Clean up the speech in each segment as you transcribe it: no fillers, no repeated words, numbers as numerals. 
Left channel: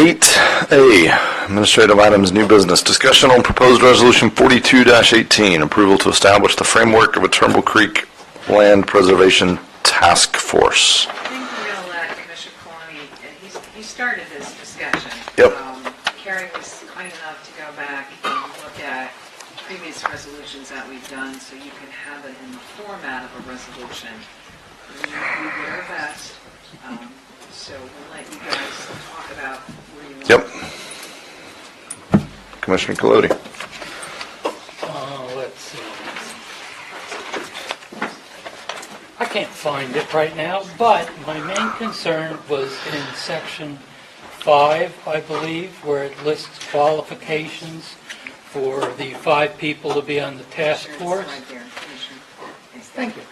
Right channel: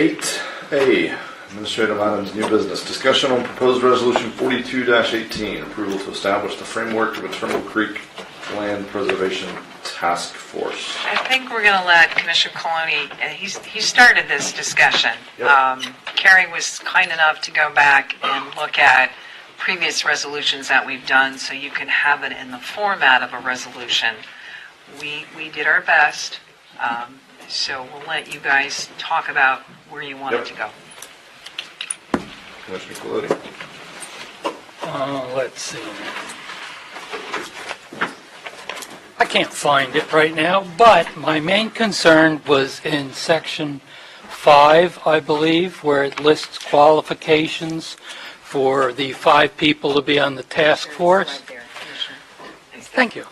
8A, administrative items, new business. Discussion on proposed resolution 42-18, approval to establish the framework of a Turnbull Creek Land Preservation Task Force. I think we're going to let Commissioner Coloni, he started this discussion. Yep. Carrie was kind enough to go back and look at previous resolutions that we've done so you can have it in the format of a resolution. We did our best, so we'll let you guys talk about where you want it to go. Commissioner Colodi. Let's see. I can't find it right now, but my main concern was in section 5, I believe, where it lists qualifications for the 5 people to be on the task force. Thank you.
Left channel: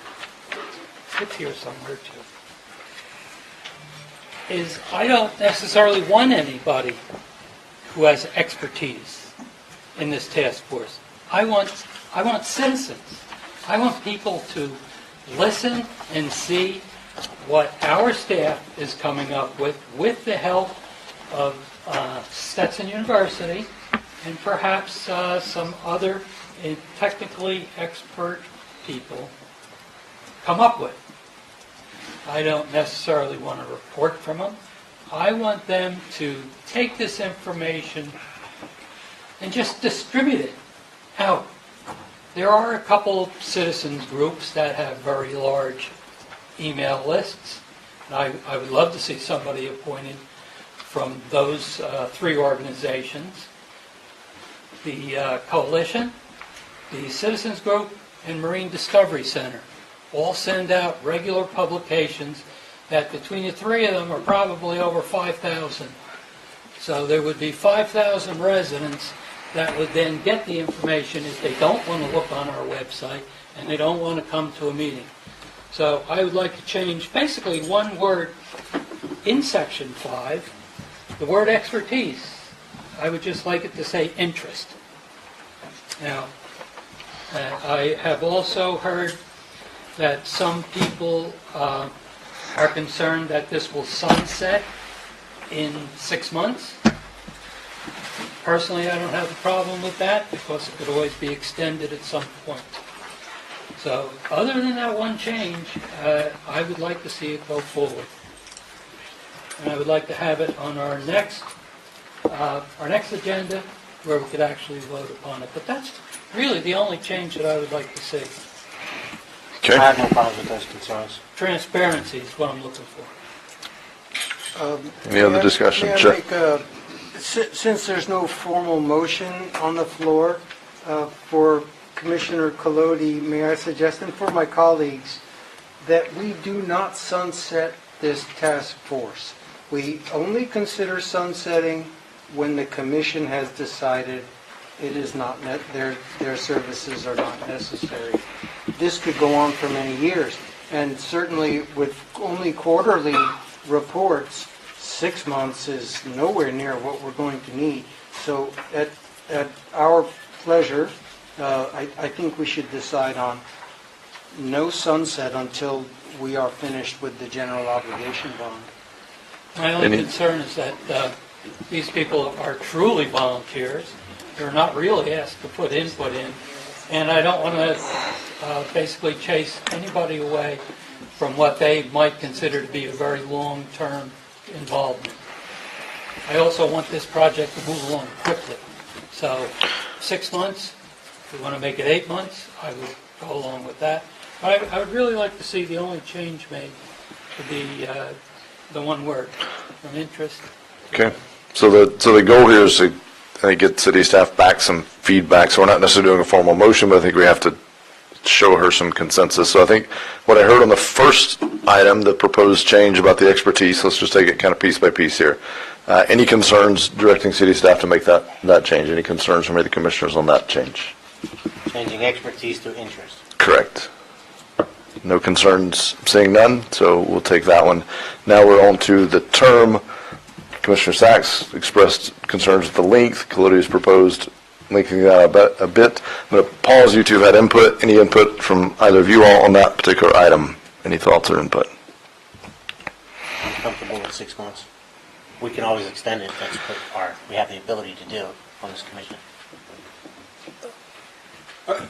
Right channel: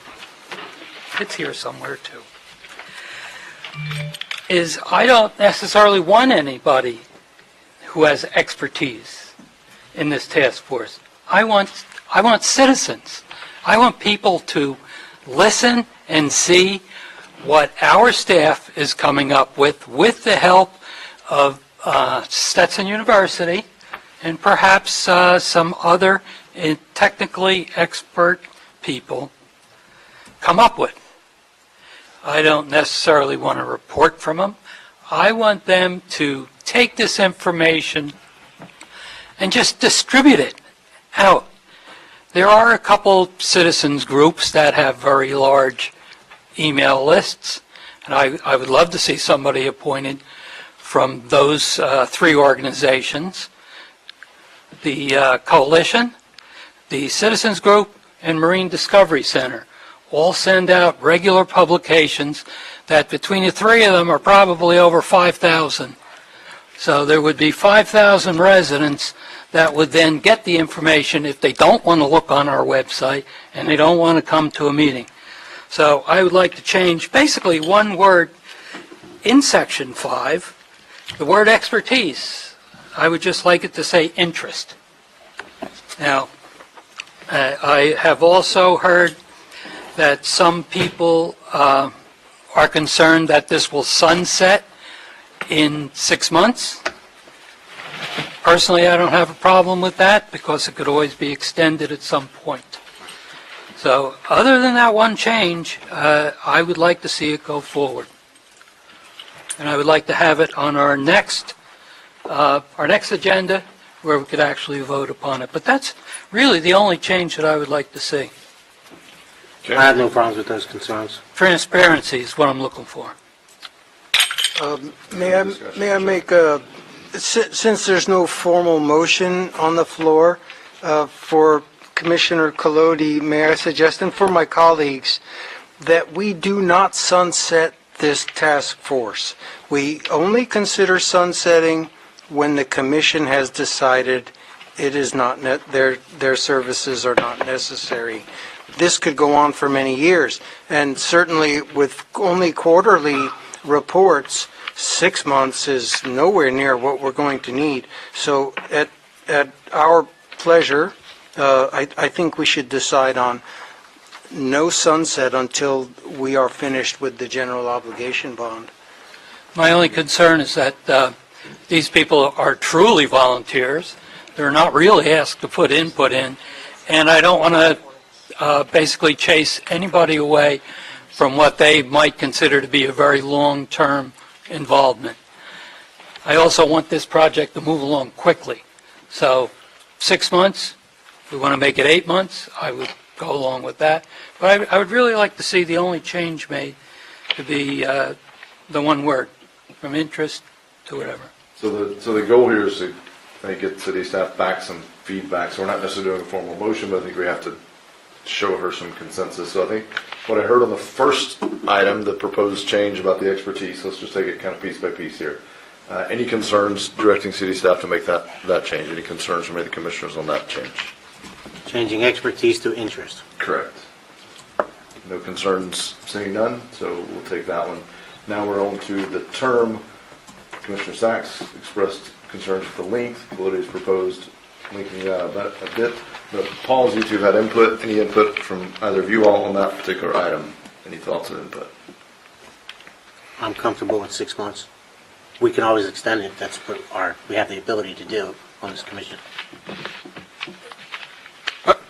It's here somewhere too. I don't necessarily want anybody who has expertise in this task force. I want citizens. I want people to listen and see what our staff is coming up with the help of Stetson University and perhaps some other technically expert people come up with. I don't necessarily want a report from them. I want them to take this information and just distribute it out. There are a couple citizens groups that have very large email lists, and I would love to see somebody appointed from those 3 organizations: the Coalition, the Citizens Group, and Marine Discovery Center. All send out regular publications that between the 3 of them are probably over 5,000. So there would be 5,000 residents that would then get the information if they don't want to look on our website and they don't want to come to a meeting. So I would like to change basically one word in section 5, the word expertise. I would just like it to say interest. Now, I have also heard that some people are concerned that this will sunset in 6 months. Personally, I don't have a problem with that because it could always be extended at some point. So other than that one change, I would like to see it go forward. And I would like to have it on our next agenda where we could actually vote upon it. But that's really the only change that I would like to see. Okay. I have no problems with those concerns. Transparency is what I'm looking for. Any other discussion? May I Sure. make since there's no formal motion on the floor for Commissioner Colodi, may I suggest, and for my colleagues, that we do not sunset this task force. We only consider sunsetting when the commission has decided it is not their services are not necessary. This could go on for many years, and certainly with only quarterly reports, 6 months is nowhere near what we're going to need. So at our pleasure, I think we should decide on no sunset until we are finished with the general obligation bond. My only concern is that these people are truly volunteers. They're not really asked to put input in, and I don't want to basically chase anybody away from what they might consider to be a very long-term involvement. I also want this project to move along quickly. So 6 months, if we want to make it 8 months, I would go along with that. But I would really like to see the only change made to be the one word, from interest to... Okay. So the goal here is to, I think, get city staff back some feedback. So we're not necessarily doing a formal motion, but I think we have to show her some consensus. So I think what I heard on the first item, the proposed change about the expertise, let's just take it kind of piece by piece here. Any concerns directing city staff to make that change? Any concerns from any of the commissioners on that change? Changing expertise to interest. Correct. No concerns, seeing none, so we'll take that one. Now we're on to the term. Commissioner Sachs expressed concerns with the length. Colodi's proposed lengthening that a bit. I'm going to pause. You two have had input. Any input from either of you all on that particular item? Any thoughts or input? I'm comfortable with 6 months. we can always extend it. That's what we have the ability to do on this commission.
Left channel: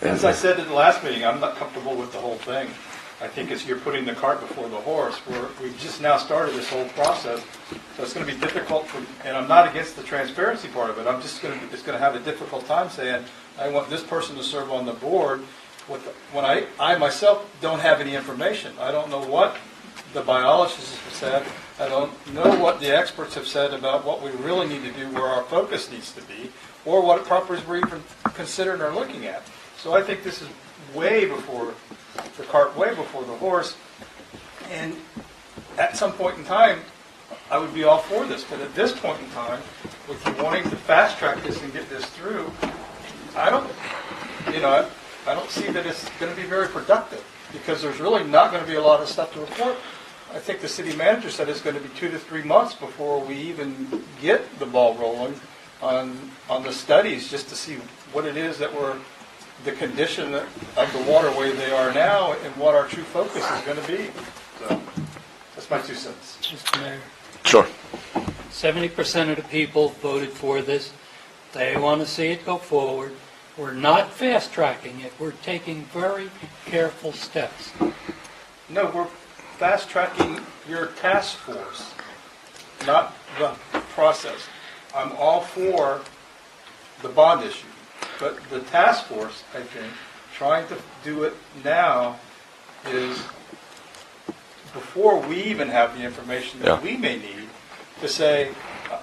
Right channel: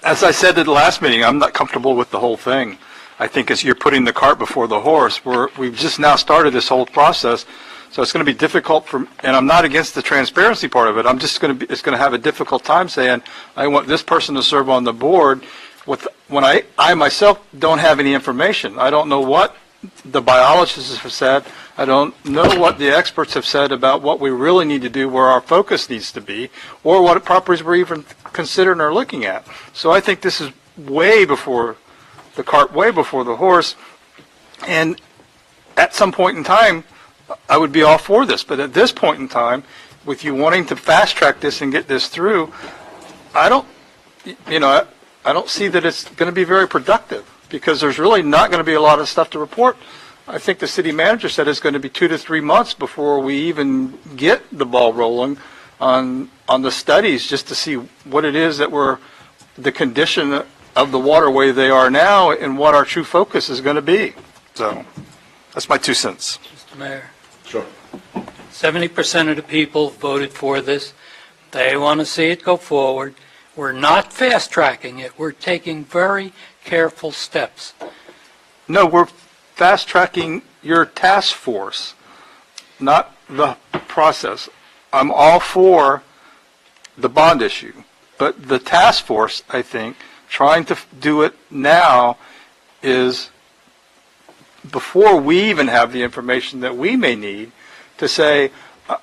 As I said at the last meeting, I'm not comfortable with the whole thing. I think you're putting the cart before the horse. We've just now started this whole process, so it's going to be difficult for, and I'm not against the transparency part of it. I'm just going to have a difficult time saying, I want this person to serve on the board when I myself don't have any information. I don't know what the biologists have said. I don't know what the experts have said about what we really need to do, where our focus needs to be, or what properties we're even considering or looking at. So I think this is way before the cart, way before the horse. And at some point in time, I would be all for this. But at this point in time, with you wanting to fast track this and get this through, I don't see that it's going to be very productive, because there's really not going to be a lot of stuff to report. I think the city manager said it's going to be 2 to 3 months before we even get the ball rolling on the studies, just to see what it is that the condition of the waterway they are now, and what our true focus is going to be. So that's my 2 cents. Mr. Mayor, Sure. 70% of the people voted for this. They want to see it go forward. We're not fast-tracking it. We're taking very careful steps. No, we're fast-tracking your task force, not the process. I'm all for the bond issue, but the task force, I think, trying to do it now is before we even have the information that we may need to say, all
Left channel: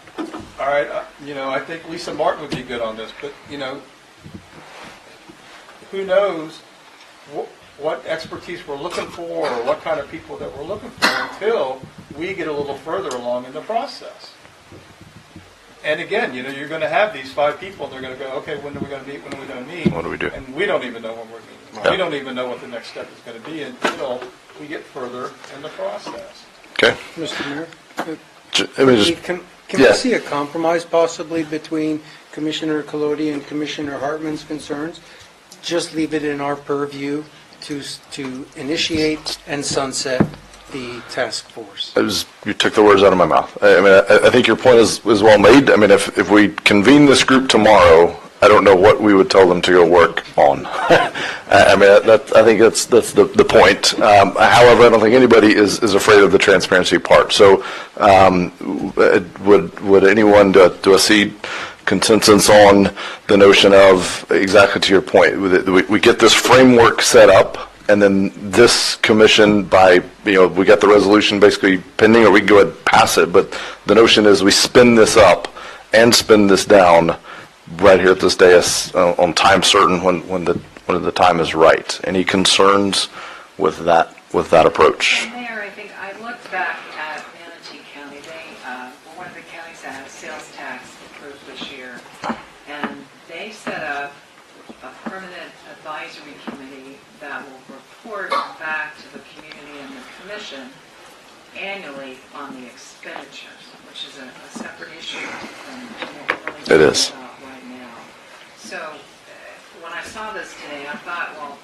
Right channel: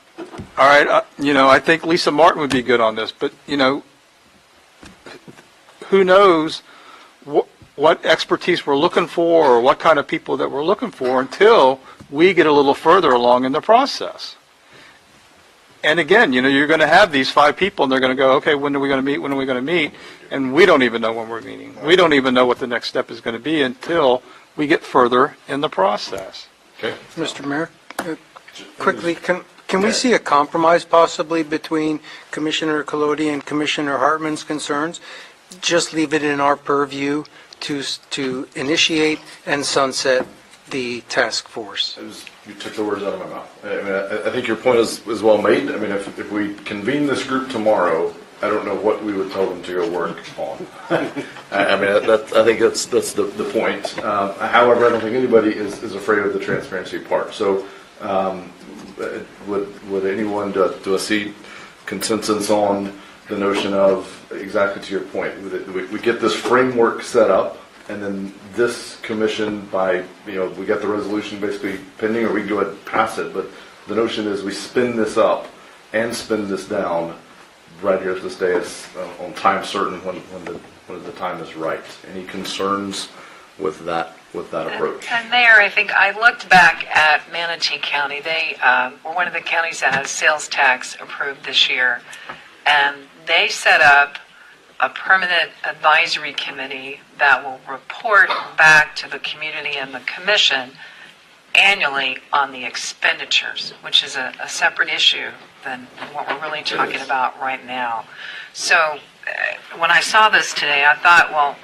right, I think Lisa Martin would be good on this, but, who knows what expertise we're looking for, or what kind of people that we're looking for, until we get a little further along in the process. And again, you're going to have these 5 people, and they're going to go, okay, when are we going to meet? When are we going to meet? What do we do? And we don't even know when we're meeting. Yeah. We don't even know what the next step is going to be until we get further in the process. Okay. Mr. Mayor, Let me quickly, just, can we see a compromise possibly between Commissioner Colodi and Commissioner Hartman's concerns? Just leave it in our purview to initiate and sunset the task force. you took the words out of my mouth. I think your point is well made. I mean, if we convene this group tomorrow, I don't know what we would tell them to go work on. I think that's the point. However, I don't think anybody is afraid of the transparency part. So, would anyone do a seed consensus on the notion of, exactly to your point, we get this framework set up, and then this commission, we got the resolution basically pending, or we can go ahead and pass it, but the notion is we spin this up and spin this down right here at this dais on time certain when the time is right. Any concerns with that approach? And Mayor, I think I looked back at Manatee County. They were one of the counties that has sales tax approved this year, and they set up a permanent advisory committee that will report back to the community and the commission annually on the expenditures, which is a separate issue than what we're really talking about right now. So when I saw this today, I thought, well,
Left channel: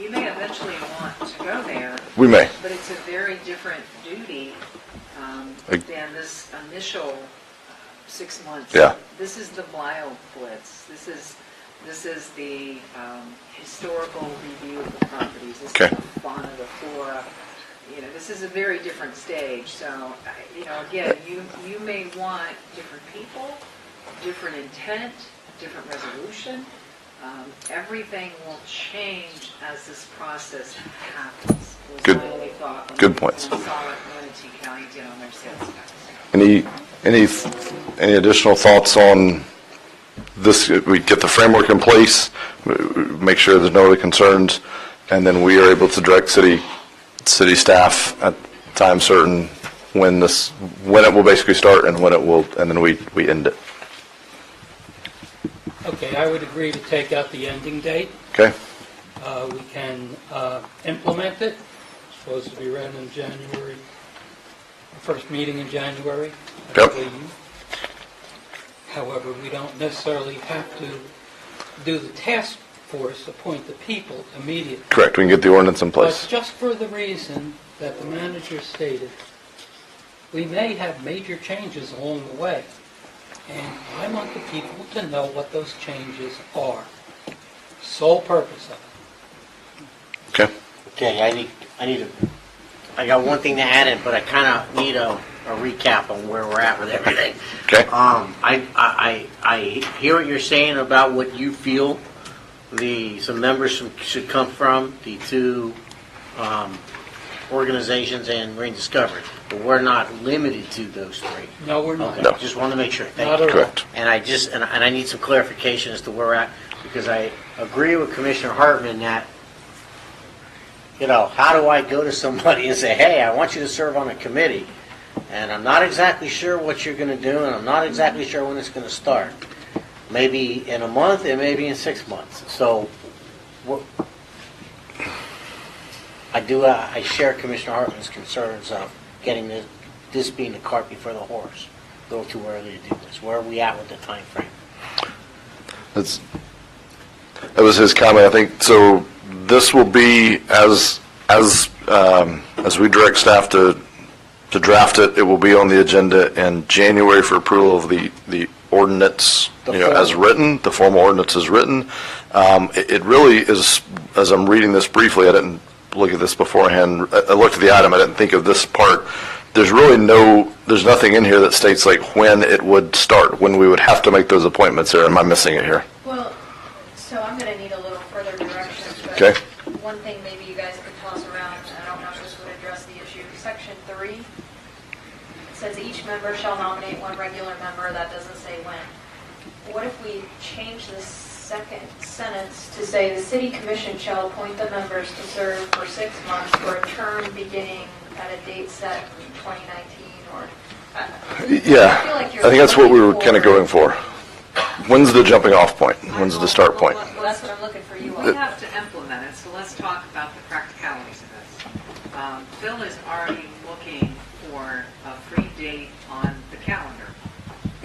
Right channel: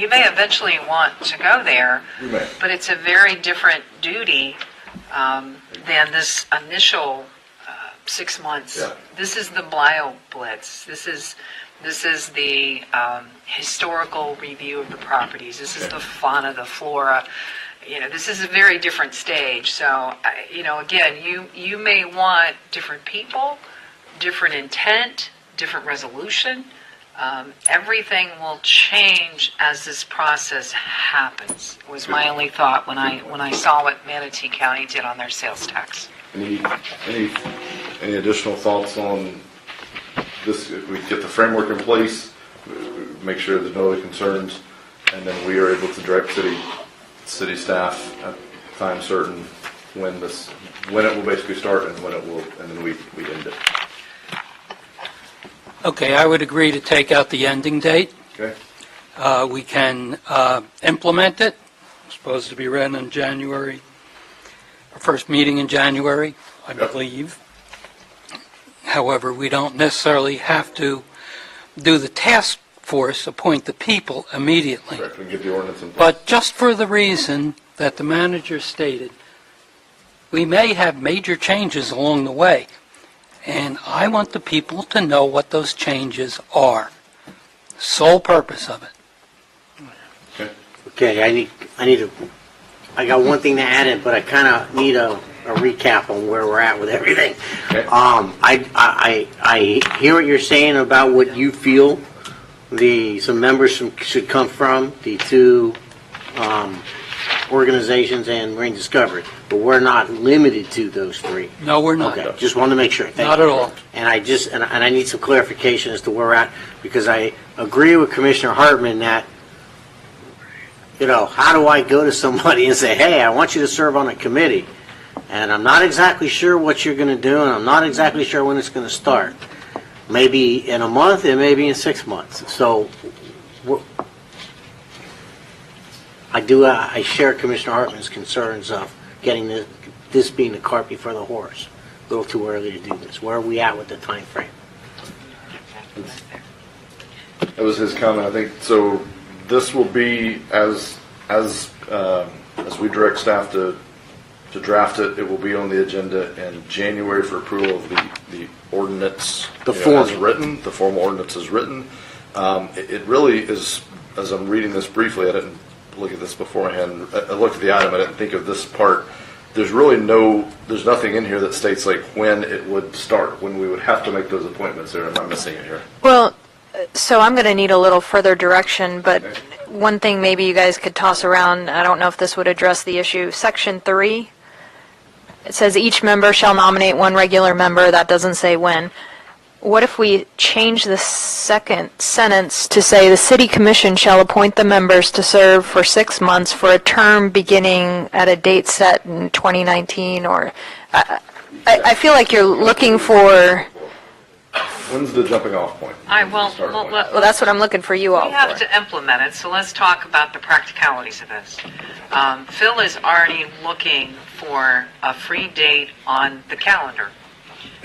you may eventually want to go there. We may. But it's a very different duty than this initial 6 months. Yeah. This is the bio blitz. This is the historical review of the properties. This is the fauna, the flora. This is a very different stage. So, again, you may want different people, different intent, different resolution. Everything will change as this process happens, was my only thought when I saw what Manatee County did on their sales tax. Any additional thoughts on this? We get the framework in place, make sure there's no other concerns, and then we are able to direct city staff at time certain when it will basically start and then we end it. Okay, I would agree to take out the ending date. Okay? We can implement it. It's supposed to be read in January, first meeting in January, I believe. However, we don't necessarily have to do the task force, appoint the people immediately. Correct. We can get the ordinance in place. But just for the reason that the manager stated, We may have major changes along the way, and I want the people to know what those changes are. Sole purpose of it. Okay. Okay, I got one thing to add in, but I kind of need a recap on where we're at with everything. Okay. I hear what you're saying about what you feel some members should come from, the two organizations and Marine Discovery, but we're not limited to those three. No, we're not. Okay, just want to make sure. Thank Not you. at all. Correct. And I need some clarification as to where we're at, because I agree with Commissioner Hartman that, how do I go to somebody and say, hey, I want you to serve on a committee, and I'm not exactly sure what you're going to do, and I'm not exactly sure when it's going to start. Maybe in a month, and maybe in 6 months. So I share Commissioner Hartman's concerns of getting this being the cart before the horse. A little too early to do this. Where are we at with the time frame? That was his comment, I think. So this will be, as we direct staff to draft it, it will be on the agenda in January for approval of the ordinance, as written, the formal ordinance is written. It really is, as I'm reading this briefly, I didn't look at this beforehand. I looked at the item, I didn't think of this part. There's nothing in here that states like when it would start, when we would have to make those appointments. Or am I missing it here? Well, so I'm going to need a little further direction, but Okay. one thing maybe you guys could toss around, I don't know if this would address the issue, Section 3, it says each member shall nominate one regular member, that doesn't say when. What if we change the second sentence to say the city commission shall appoint the members to serve for 6 months for a term beginning at a date set in 2019, or, I feel like you're I think that's what looking we were kind of for, going for. When's the jumping off point? When's the start point? well, that's what I'm looking for you all We have for. to implement it, so let's talk about the practicalities of this. Phil is already looking for a free date on the calendar.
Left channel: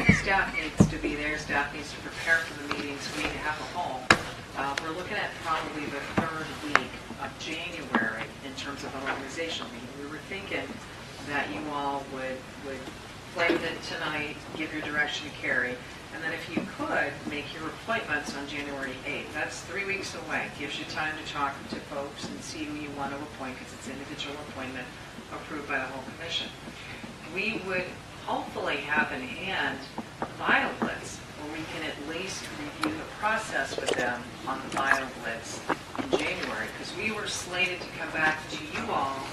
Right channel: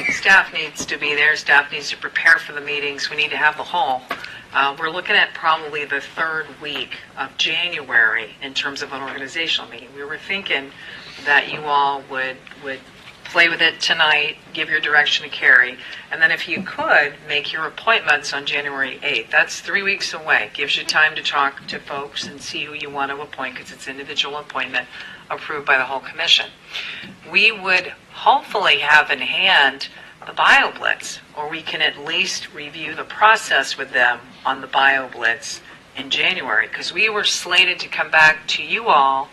Staff needs to be there, staff needs to prepare for the meetings, we need to have the hall. We're looking at probably the third week of January in terms of an organizational meeting. We were thinking that you all would play with it tonight, give your direction to Carrie, and then if you could, make your appointments on January 8th. That's 3 weeks away. Gives you time to talk to folks and see who you want to appoint, because it's individual appointment approved by the whole commission. We would hopefully have in hand the BioBlitz, or we can at least review the process with them on the BioBlitz in January, because we were slated to come back to you all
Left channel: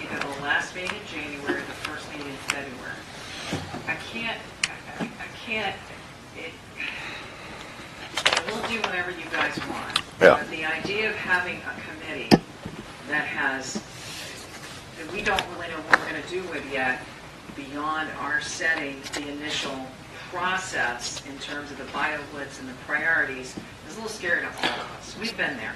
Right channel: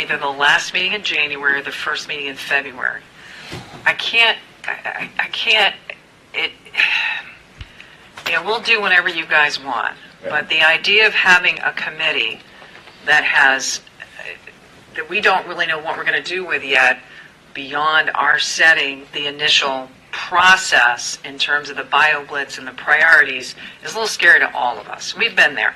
either the last meeting in January or the first meeting in February. I can't, we'll do whatever you guys want. Yeah. But the idea of having a committee that we don't really know what we're going to do with yet, beyond our setting the initial process in terms of the BioBlitz and the priorities, is a little scary to all of us. We've been there,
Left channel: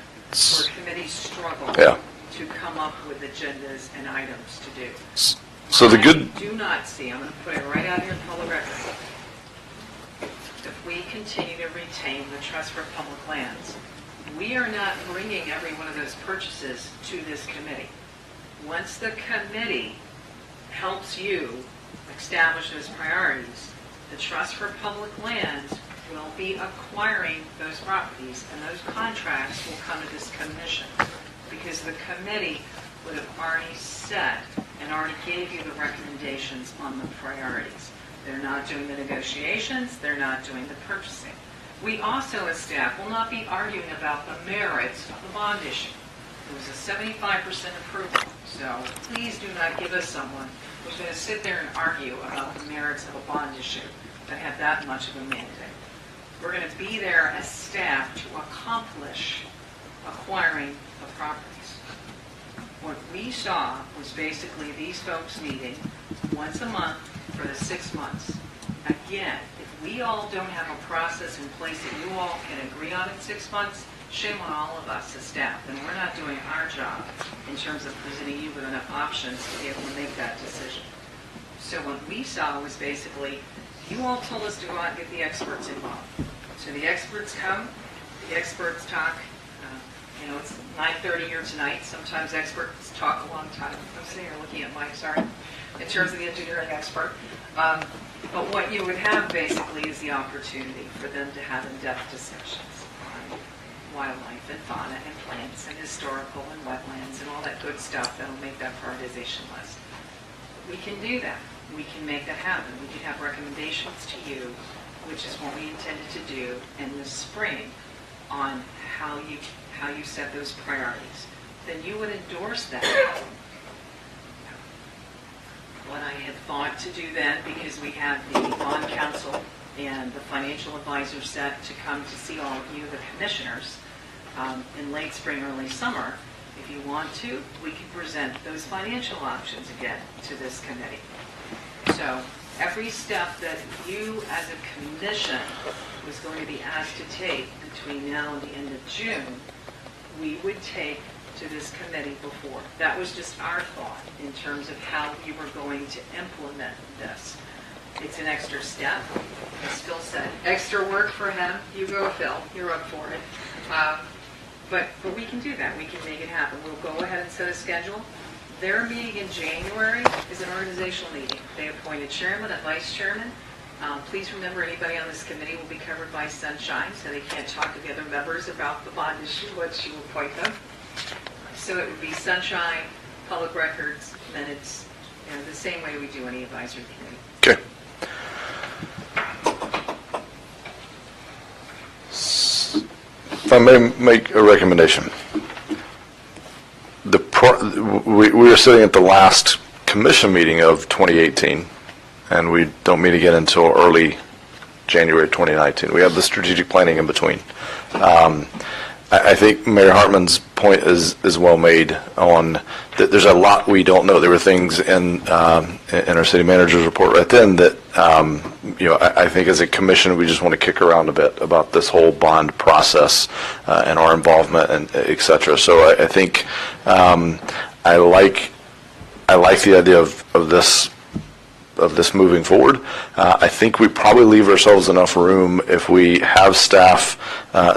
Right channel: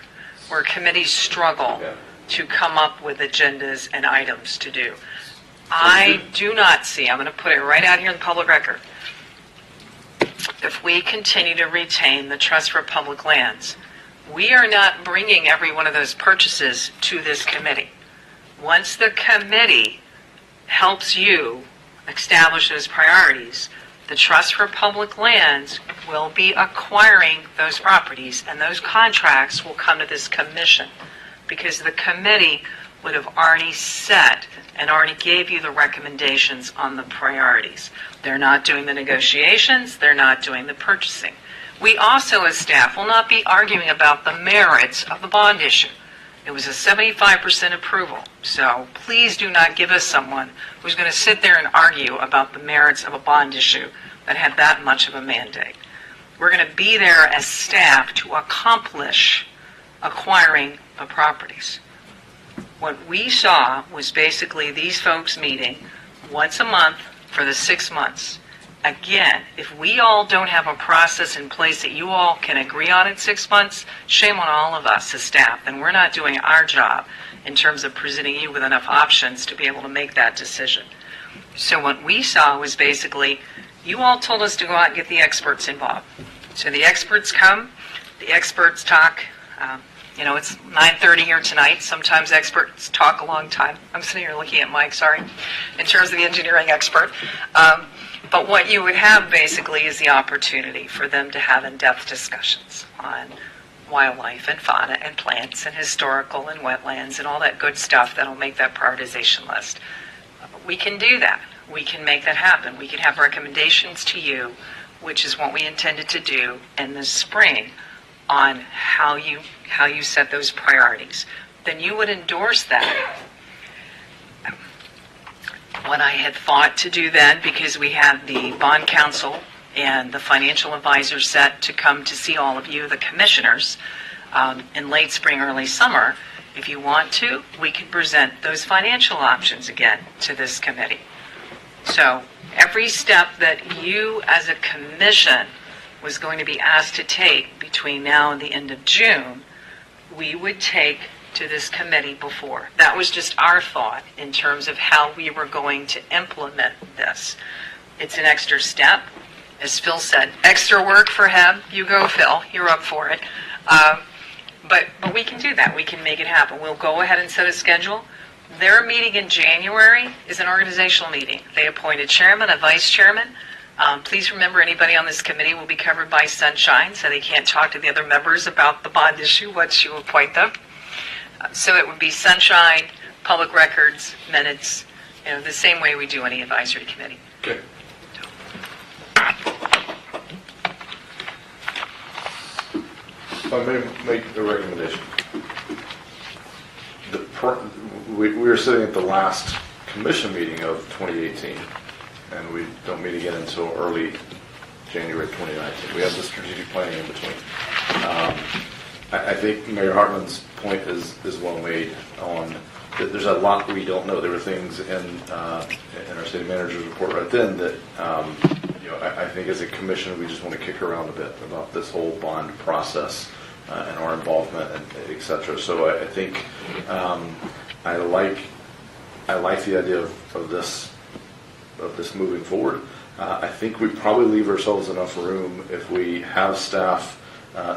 where committees struggle Yeah. to come up with agendas and items to do. So the I good, do not see, I'm going to put it right out here in the public record, if we continue to retain the Trust for Public Lands, we are not bringing every one of those purchases to this committee. Once the committee helps you establish those priorities, the Trust for Public Lands will be acquiring those properties, and those contracts will come to this commission, because the committee would have already set and already gave you the recommendations on the priorities. They're not doing the negotiations, they're not doing the purchasing. We also, as staff, will not be arguing about the merits of the bond issue. It was a 75% approval, so please do not give us someone who's going to sit there and argue about the merits of a bond issue that had that much of a mandate. We're going to be there as staff to accomplish acquiring the properties. What we saw was basically these folks meeting once a month for the 6 months. Again, if we all don't have a process in place that you all can agree on in 6 months, shame on all of us as staff, and we're not doing our job in terms of presenting you with enough options to be able to make that decision. So what we saw was basically, you all told us to go out and get the experts involved. So the experts come, the experts talk, You know, it's 9:30 here tonight. Sometimes experts talk a long time. I'm sitting here looking at Mike, sorry, in terms of the engineering expert. But what you would have basically is the opportunity for them to have in-depth discussions on wildlife and fauna and plants and historical and wetlands and all that good stuff that'll make that prioritization list. We can do that. We can make that happen. We can have recommendations to you, which is what we intended to do in the spring, on how you set those priorities. Then you would endorse that. What I had thought to do then, because we had the bond council and the financial advisors set to come to see all of you, the commissioners, in late spring, early summer, if you want to, we could present those financial options again to this committee. So every step that you as a commission was going to be asked to take between now and the end of June, we would take to this committee before. That was just our thought in terms of how we were going to implement this. It's an extra step. As Phil said, extra work for him. You go, Phil. You're up for it. But we can do that. We can make it happen. We'll go ahead and set a schedule. Their meeting in January is an organizational meeting. They appoint a chairman, a vice chairman. Please remember, anybody on this committee will be covered by sunshine, so they can't talk to the other members about the bond issue once you appoint them. So it would be sunshine, public records, minutes, the same way we do any advisory committee. Okay. If I may make a recommendation. We are sitting at the last commission meeting of 2018, and we don't meet again until early January 2019. We have the strategic planning in between. I think Mayor Hartman's point is well made on that there's a lot we don't know. There were things in our city manager's report right then that, I think as a commission, we just want to kick around a bit about this whole bond process and our involvement and et cetera. So I think I like the idea of this moving forward. I think we probably leave ourselves enough room if we have staff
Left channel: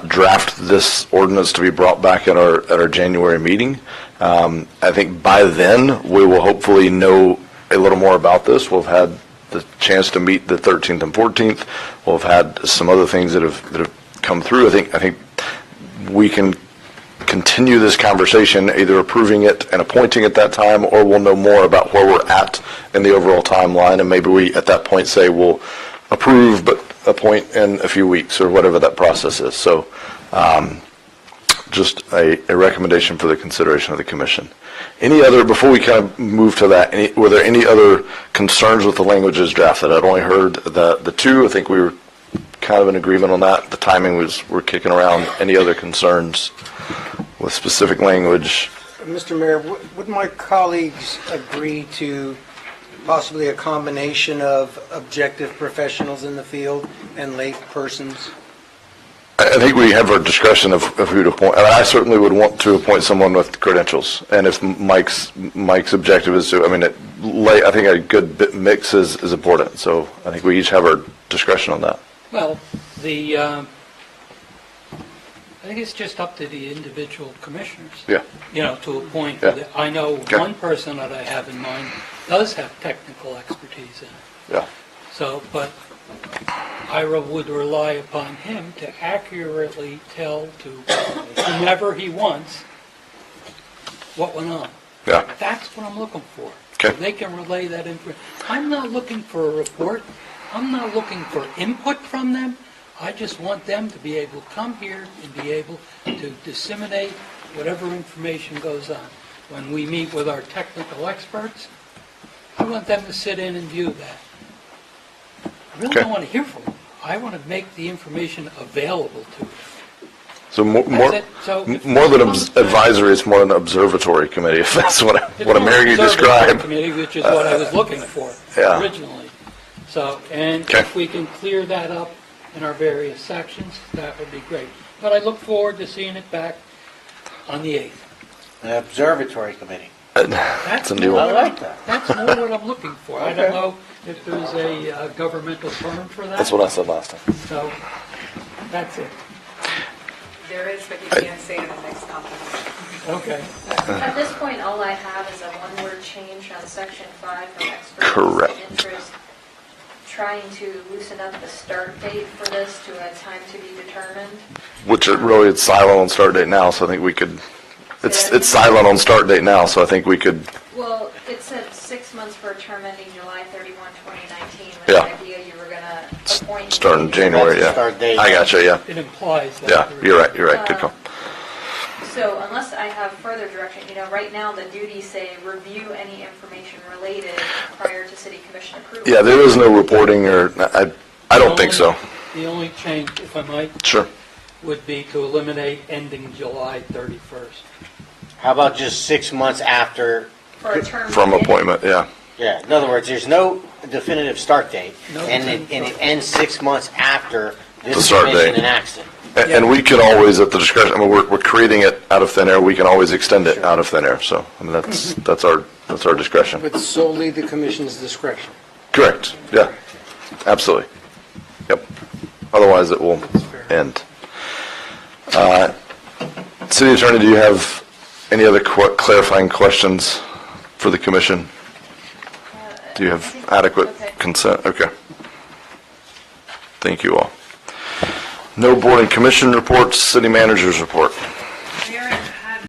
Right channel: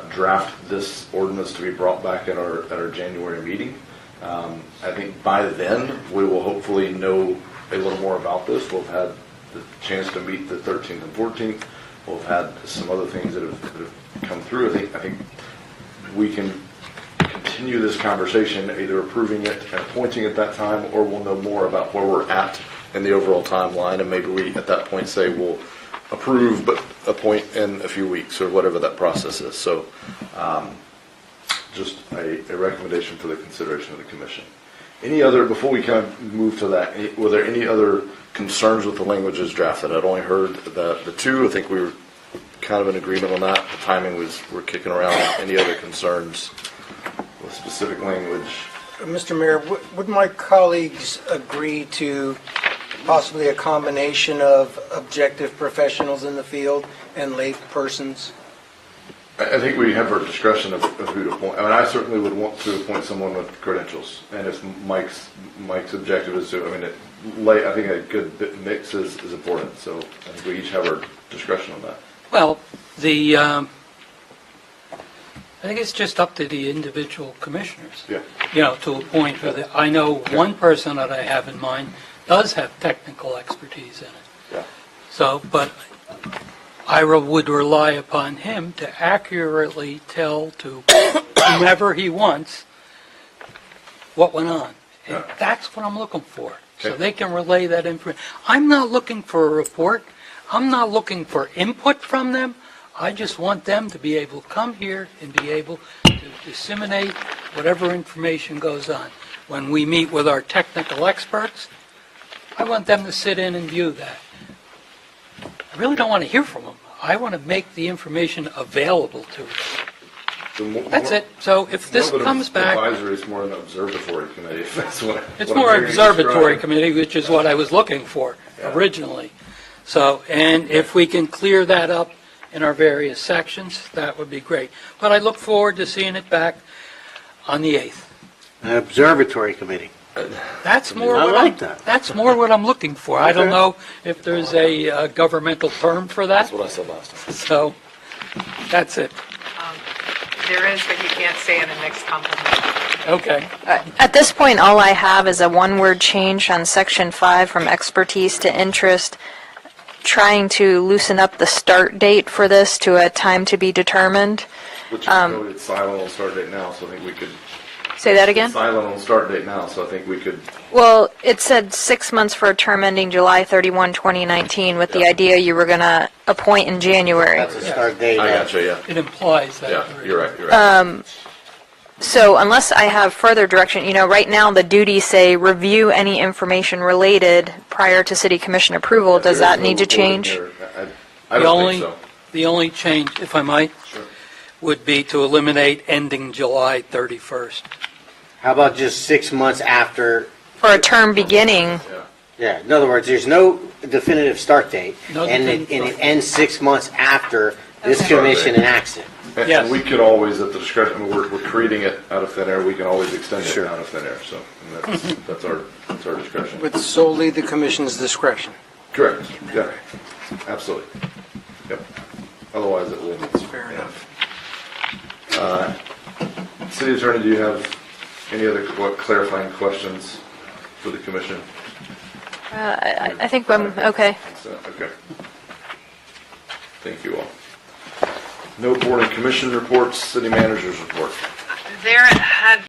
draft this ordinance to be brought back at our January meeting. I think by then we will hopefully know a little more about this. We'll have had the chance to meet the 13th and 14th. We'll have had some other things that have come through. I think we can continue this conversation, either approving it and appointing at that time, or we'll know more about where we're at in the overall timeline, and maybe we at that point say we'll approve but appoint in a few weeks or whatever that process is. So just a recommendation for the consideration of the commission. Any other, before we kind of move to that, were there any other concerns with the language as drafted? I'd only heard the two. I think we were kind of in agreement on that. The timing we're kicking around. Any other concerns with specific language? Mr. Mayor, would my colleagues agree to possibly a combination of objective professionals in the field and lay persons? I think we have our discussion of who to appoint. I certainly would want to appoint someone with credentials. And if Mike's objective is to, I think a good mix is important. So I think we each have our discretion on that. Well, I think it's just up to the individual commissioners. Yeah. To appoint. Yeah. I know Okay. one person that I have in mind does have technical expertise in it. Yeah. So, but I would rely upon him to accurately tell to whomever he wants what went on. Yeah. That's what I'm looking for. Okay. So they can relay that information. I'm not looking for a report. I'm not looking for input from them. I just want them to be able to come here and be able to disseminate whatever information goes on. When we meet with our technical experts, I want them to sit in and view that. I really Okay. don't want to hear from them. I want to make the information available to them. So more it. So if more this than comes back- advisory, it's more an observatory committee, if that's what It's I'm more hearing you observatory describe. committee, which is what I was looking for Yeah. originally. So, and Okay. if we can clear that up in our various sections, that would be great. But I look forward to seeing it back on the 8th. An observatory committee. That's a new more one. what I I'm, like that. that's more what I'm looking for. I don't Okay. know if there's a governmental term for that. That's what I said last time. So, that's it. There is, but you can't say in the next compliment. Okay. At this point, all I have is a one-word change on section 5 from expertise Correct. to interest, trying to loosen up the start date for this to a time to be determined. Which is really, it's silent on start date now, so I think we could. Say it's- that again? It's silent on start date now, so I think we could, Well, it said 6 months for a term ending July 31, 2019, with the Yeah. idea you were going to appoint in start in January. January, yeah. Start date. I gotcha, yeah. It implies that. Yeah, you're right, you're right. Good point. So unless I have further direction, right now the duties say review any information related prior to city commission approval. Yeah, Does there is that no need to reporting change? or, I don't think so. The only change, if I might, Sure. would be to eliminate ending July 31st. How about just 6 months after? For a term From beginning? appointment, yeah. Yeah, in other words, there's no definitive start date, No and definitive it start. ends 6 months after The this start commission date. enacts it. And we could always, at the discretion, I mean, we're creating it out of thin air, we can always extend it Sure. out of thin air, so, I mean, that's our discretion. With solely the commission's discretion. Correct, yeah, absolutely. Yep. Otherwise, it will end. City Attorney, do you have any other clarifying questions for the commission? Do you I have think we're adequate okay. consent? Okay. Thank you all. No board and commission reports, city managers report. There,